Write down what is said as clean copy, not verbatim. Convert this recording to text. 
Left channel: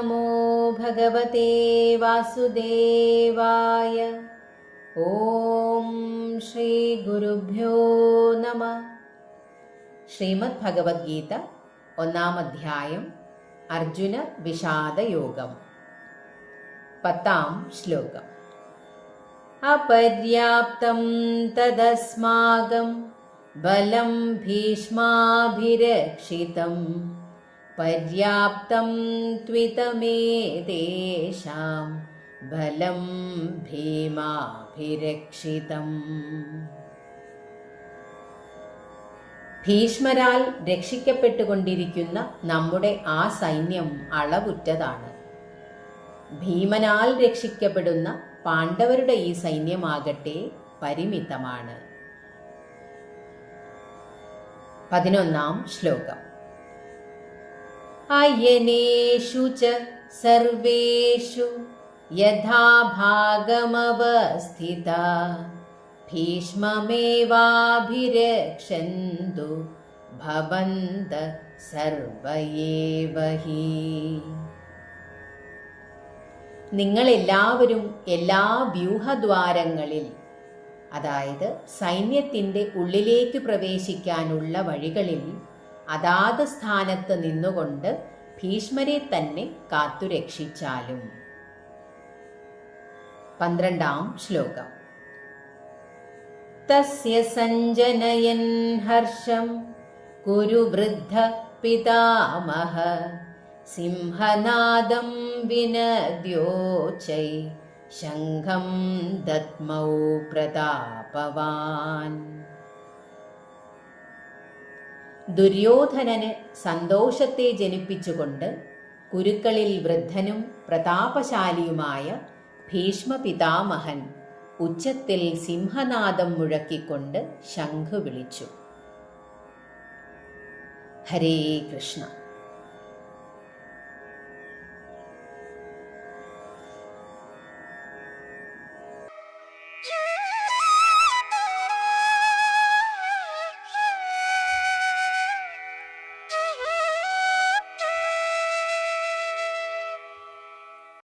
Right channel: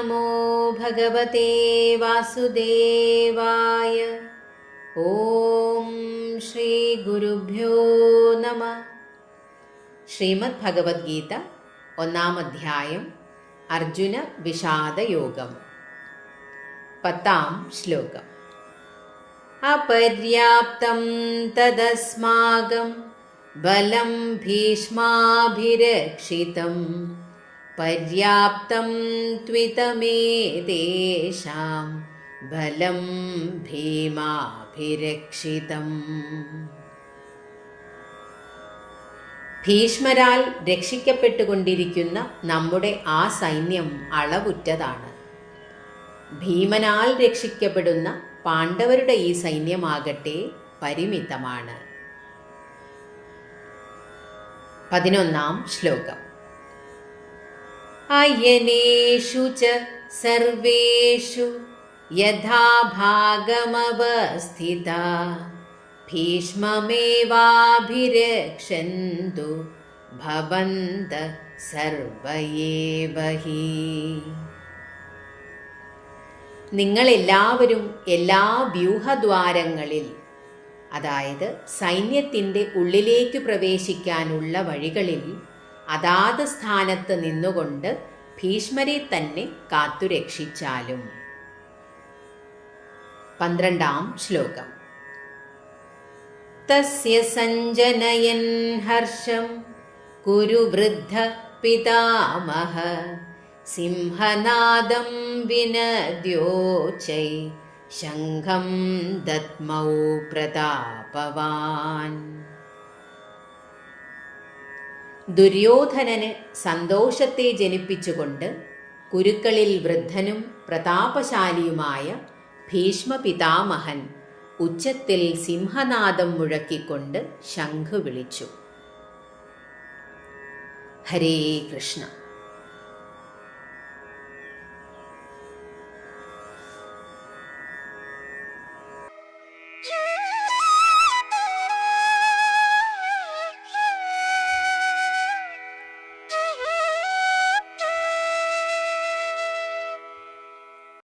നമോ ഭഗവതേ വാസുദേവായ. ഓം ശ്രീ ഗുരുഭ്യോ നമഃ. ശ്രീമദ് ഭഗവത്ഗീത 1-ാം അധ്യായം അർജുന വിഷാദയോഗം. 10-ാം ശ്ലോകം. അപര്യാപ്തം തദസ്മാകം ബലം ഭീഷ്മാഭിരക്ഷിതം പര്യാപ്തം ത്വിതമേതേഷാം ബലം ഭീമാഭിരക്ഷിതം. ഭീഷ്മരാൽ രക്ഷിക്കപ്പെട്ടുകൊണ്ടിരിക്കുന്ന നമ്മുടെ ആ സൈന്യം അളവുറ്റതാണ്. ഭീമനാൽ രക്ഷിക്കപ്പെടുന്ന പാണ്ഡവരുടെ ഈ സൈന്യമാകട്ടെ പരിമിതമാണ്. 11-ാം ശ്ലോകം. അയനേഷു ച സർവേഷു യഥാ ഭാഗമവസ്ഥിതാ ഭീഷ്മമേവാഭിരക്ഷന്തു ഭവന്തഃ സർവ ഏവ ഹി. നിങ്ങളെല്ലാവരും എല്ലാ വ്യൂഹദ്വാരങ്ങളിൽ, അതായത് സൈന്യത്തിൻ്റെ ഉള്ളിലേക്ക് പ്രവേശിക്കാനുള്ള വഴികളിൽ അതാത് സ്ഥാനത്ത് നിന്നുകൊണ്ട് ഭീഷ്മരെ തന്നെ കാത്തുരക്ഷിച്ചാലും. 12-ാം ശ്ലോകം. തസ്യ സഞ്ജനയൻ ഹർഷം കുരു വൃദ്ധ പിതാമഹ സിംഹനാദം വിനദ്യോച്ചൈ ശംഖം ദത്മൗ പ്രതാപവാൻ. ദുര്യോധനന് സന്തോഷത്തെ ജനിപ്പിച്ചുകൊണ്ട് കുരുക്കളിൽ വൃദ്ധനും പ്രതാപശാലിയുമായ ഭീഷ്മ പിതാമഹൻ ഉച്ചത്തിൽ സിംഹനാദം മുഴക്കിക്കൊണ്ട് ശംഖ് വിളിച്ചു. ഹരേ കൃഷ്ണ.